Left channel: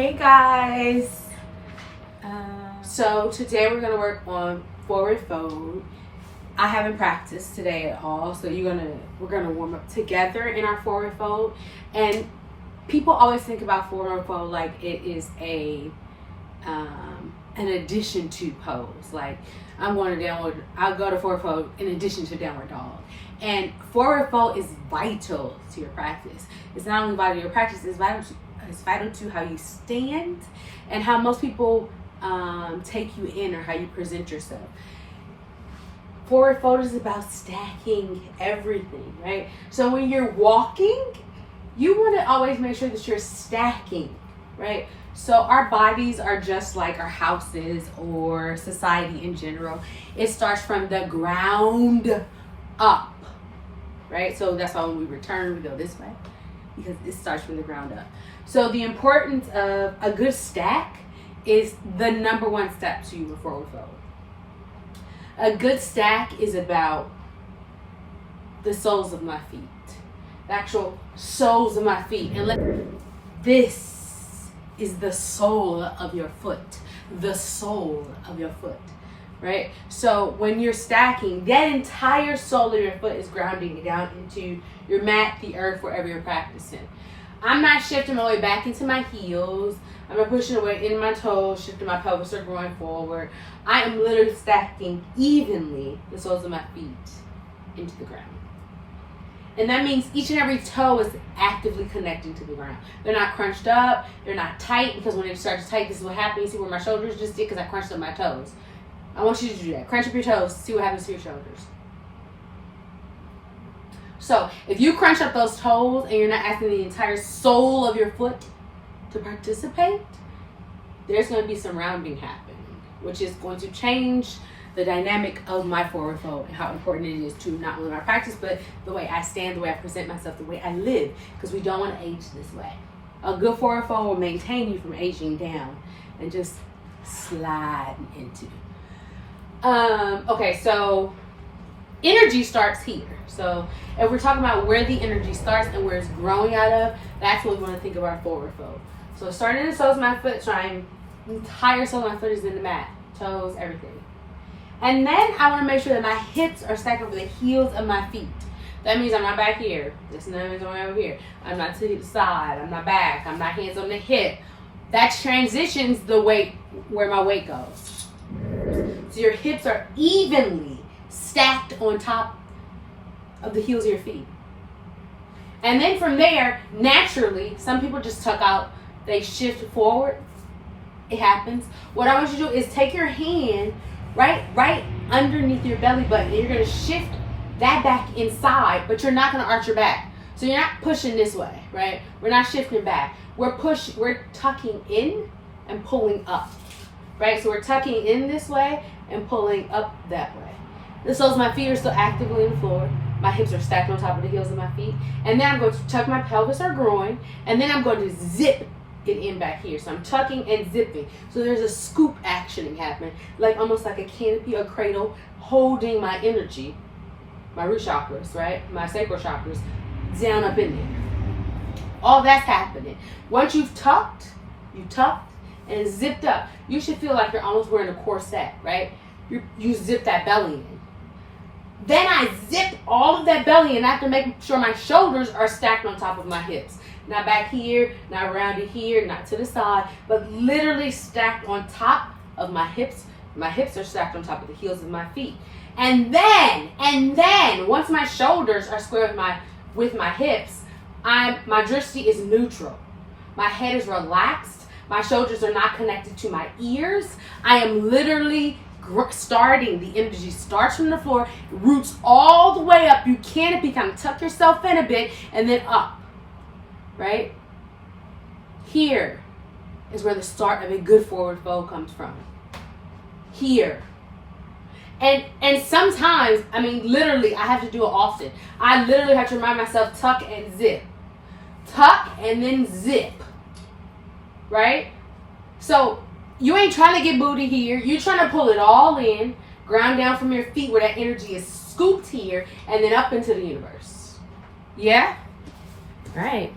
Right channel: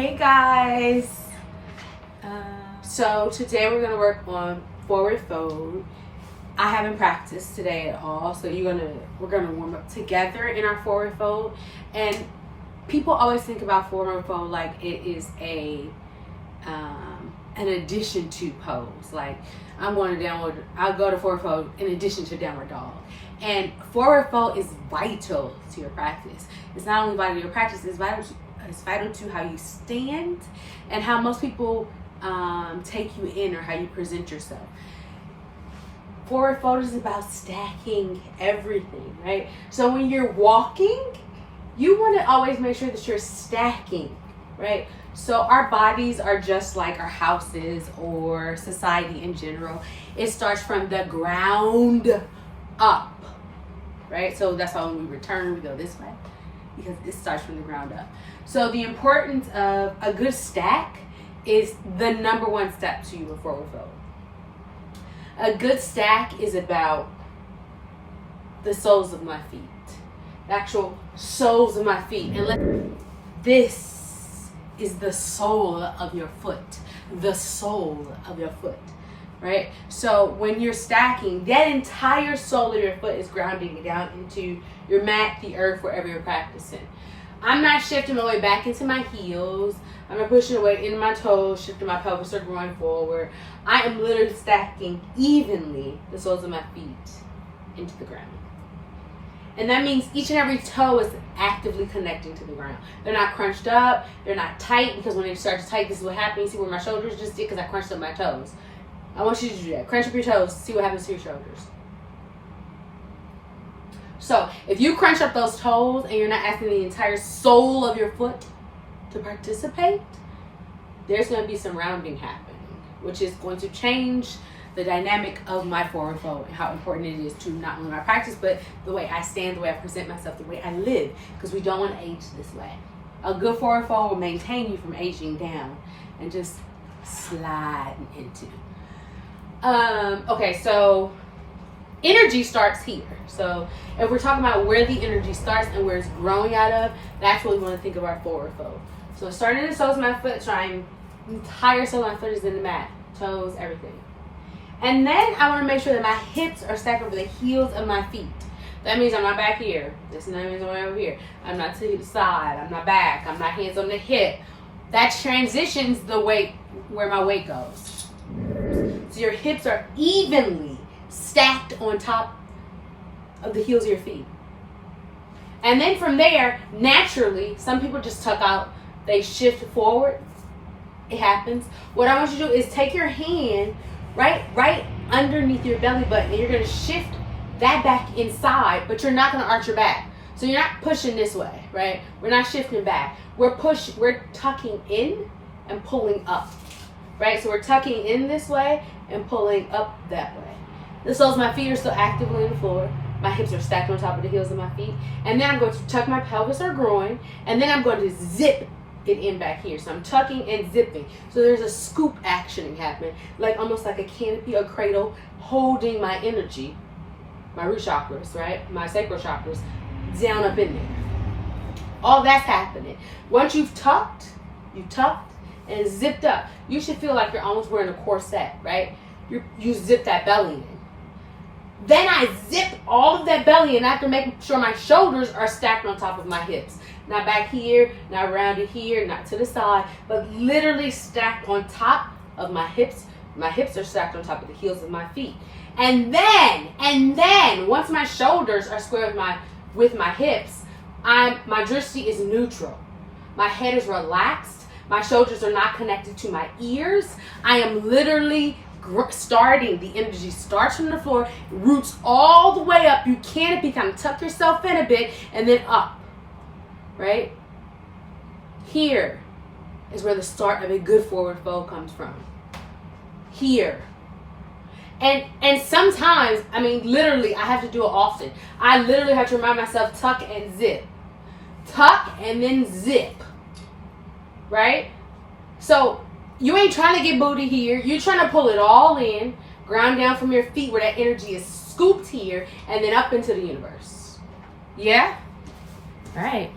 Hey guys! So today we're going to work on forward fold. I haven't practiced today at all, so we're gonna warm up together in our forward fold. And people always think about forward fold like it is an addition to pose. Like I'm going to downward, I'll go to forward fold in addition to downward dog. And forward fold is vital to your practice. It's not only vital to your practice, it's vital to how you stand and how most people take you in or how you present yourself. Forward fold is about stacking everything, right? So when you're walking, you want to always make sure that you're stacking, right? So our bodies are just like our houses or society in general. It starts from the ground up, right? So that's why when we return, we go this way because it starts from the ground up. So the importance of a good stack is the number one step to your forward fold. A good stack is about the soles of my feet, the actual soles of my feet. And this is the sole of your foot, the sole of your foot, right? So when you're stacking, that entire sole of your foot is grounding down into your mat, the earth, wherever you're practicing. I'm not shifting my way back into my heels. I'm not pushing away in my toes, shifting my pelvis or going forward. I am literally stacking evenly the soles of my feet into the ground. And that means each and every toe is actively connecting to the ground. They're not crunched up. They're not tight, because when they start to tight, this is what happens. See where my shoulders just did because I crunched up my toes. I want you to do that. Crunch up your toes. See what happens to your shoulders. So if you crunch up those toes and you're not asking the entire sole of your foot to participate, there's going to be some rounding happening, which is going to change the dynamic of my forward fold and how important it is to not only my practice, but the way I stand, the way I present myself, the way I live, because we don't want to age this way. A good forward fold will maintain you from aging down and just sliding into. Okay, so energy starts here. So if we're talking about where the energy starts and where it's growing out of, that's what we want to think of our forward fold. So starting in the soles of my foot, trying the entire sole of my foot is in the mat, toes, everything. And then I want to make sure that my hips are stacked over the heels of my feet. That means I'm not back here. This means I'm over here. I'm not to the side. I'm not back. I'm not hands on the hip. That transitions the weight, where my weight goes. So your hips are evenly stacked on top of the heels of your feet. And then from there, naturally, some people just tuck out, they shift forward. It happens. What I want you to do is take your hand right underneath your belly button, and you're going to shift that back inside, but you're not going to arch your back. So you're not pushing this way, right? We're not shifting back. We're tucking in and pulling up, right? So we're tucking in this way and pulling up that way. The soles of my feet are still actively on the floor. My hips are stacked on top of the heels of my feet. And then I'm going to tuck my pelvis or groin. And then I'm going to zip it in back here. So I'm tucking and zipping. So there's a scoop actioning happening. Like almost like a canopy or cradle holding my energy. My root chakras, right? My sacral chakras down up in there. All that's happening. Once you've tucked and zipped up, you should feel like you're almost wearing a corset, right? You zip that belly in. Then I zip all of that belly in after making sure my shoulders are stacked on top of my hips. Not back here, not around here, not to the side, but literally stacked on top of my hips. My hips are stacked on top of the heels of my feet. And then, once my shoulders are square with my hips, my drishti is neutral. My head is relaxed. My shoulders are not connected to my ears. I am literally starting, the energy starts from the floor, roots all the way up. You canopy, kind of tuck yourself in a bit, and then up, right? Here is where the start of a good forward fold comes from. Here. And sometimes, I mean, literally, I have to do it often. I literally have to remind myself, tuck and zip. Tuck and then zip, right? So you ain't trying to get booty here. You're trying to pull it all in, ground down from your feet where that energy is scooped here, and then up into the universe. Yeah? All right.